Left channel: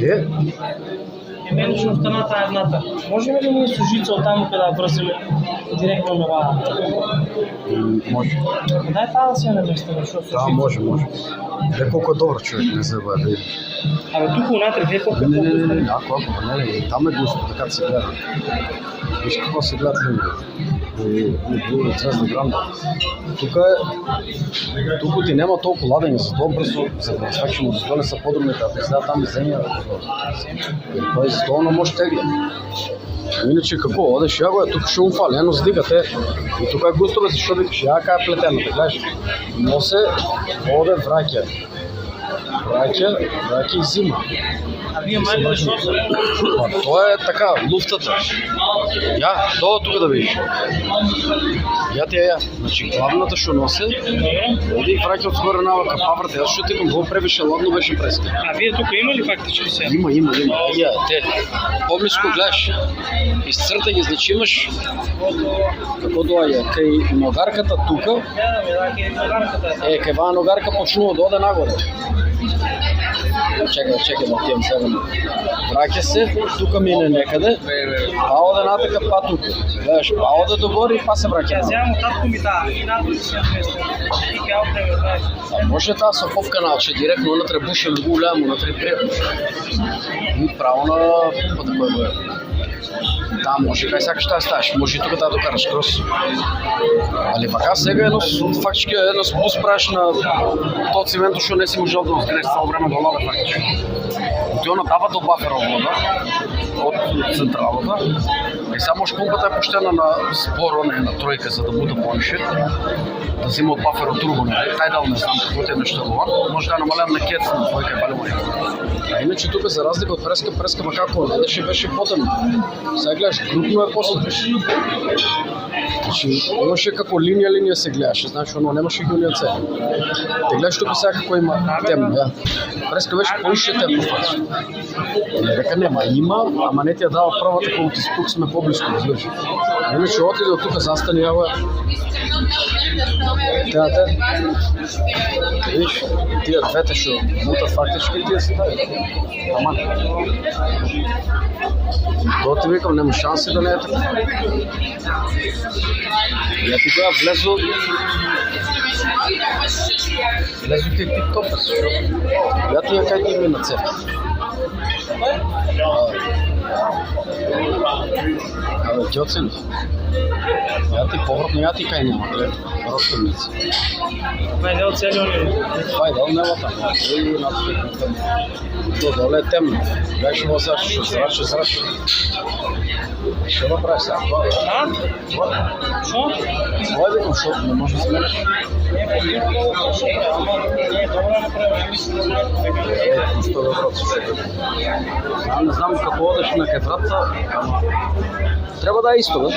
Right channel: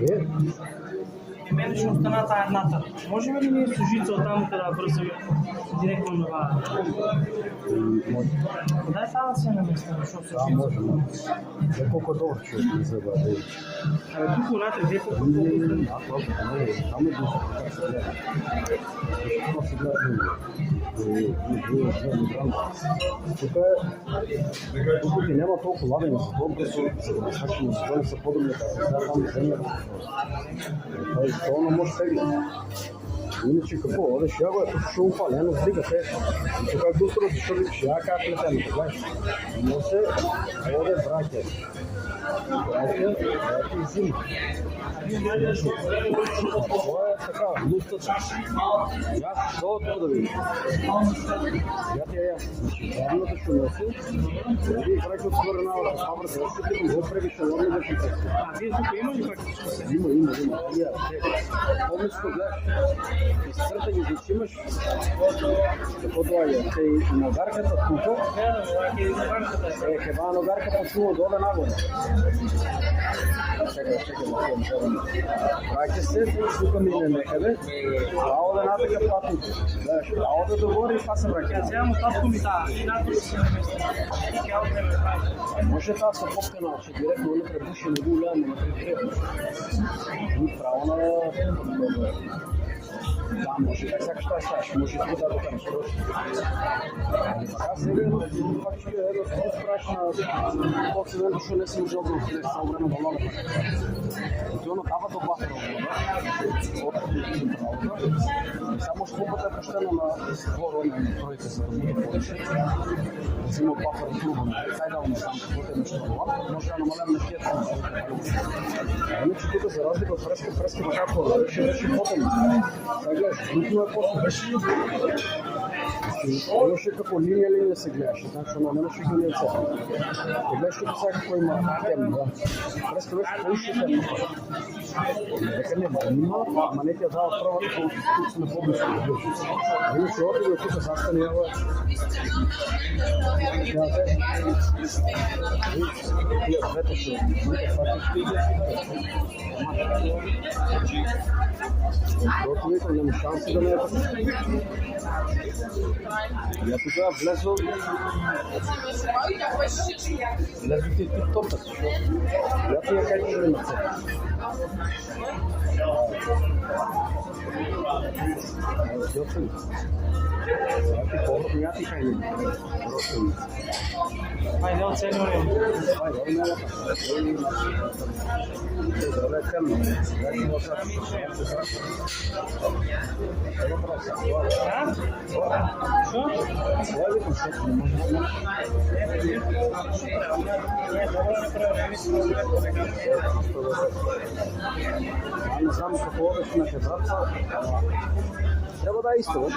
Е? И мене ще остана тая едната. Можем ли ние с жица оттам да връзим директно на това? Може. Дай това да си я наместим, защото Да, може. Гледай колко е добър човек, не забравя да види. Абе тук унатре, гледай колко е Не, по-густо. ако, не, там е густо, така се гледа. Виж какво се гледат линии. Звезда гранда. Тук ти няма толкова ладени, зато бързо завързвачи, но зато не са по-добрите, а пизда там е земя. Той зато не може тегли. Иначе какво, одеш я го е, тук ще му фали, ено сдигате. И тук е густо, бе, защо викаш, я кая плетено, да гледаш. Носе, оде враќа и зима. А вие мали да шо са? Това е така, луфтата. Я, това тук да видиш. Я. Значи главната ще носи, оди и враќа от скоро навъка паврата. Аз ще тикам, го пребеше ладно, беше преска. А вие тук има ли фактически сега? Има. Я, те. По-близко гледаш. Изцърта ги, значи имаш. Какво дойде? Кай ногарката тука. Кай ваа ногарка почнува да оде нагоре. Чекай да тием себе. Враќа се, тука мине некъде, па оде натъка, па тука. Гледаш, па оде догоре и па се враќа. Вземам от татко ми тая, и нато си я наместим. И тя отнеме, знаеш. Може тази съповка наче, директно вътре буше много голямо, вътре приятно. И право на пумпата, което е. Да, може кай сякаш тази ставаш, може и тук да докараш крос. Али пък аз сега фактически едно спус правиш на този цимент, защото не си можел да откреш цяло време до лада фактически. Той надава до бафера вода от централата. И само шпумпата е пущена на споро, не на тройка, за да бута по-нише. Да взима от бафера турбо, тай дал не знам какво е нещо това. Може да намалям на кет на тройка и балема. А иначе тук за разлика от преска макако не беше потъмно. Сега гледаш, крупно е после. Имаше како линия се гледаше, значи оно немаше гилния цел. Те гледаш тук сега какво има темно, да. Преска беше по-ише темно. Не дека нема, има, ама не ти я дава правата, колко тук сме по-близко, разбираш. Иначе отиде от тук застани, ава. Те. Виж, тия двете ще мутат фактически и тия си дай. Ама. То ти викам, нема шанси да не е така. Я тогава влезо ти тип-топа си. Я тия как ги мина цепа. Абе, дьоцен. Я ти повратно, я ти кай няма, гледа. Ростърници. Това е дел целият ми. Това е дел няма там. И на всичко. То доле е темно. Беше му сега, ще зрача. Ще го прави сега. А? Шо? Това е викам, защото не може да сменеш. Що да брат се. Не знам като одеш на кефрата, трябва да е исто, бе.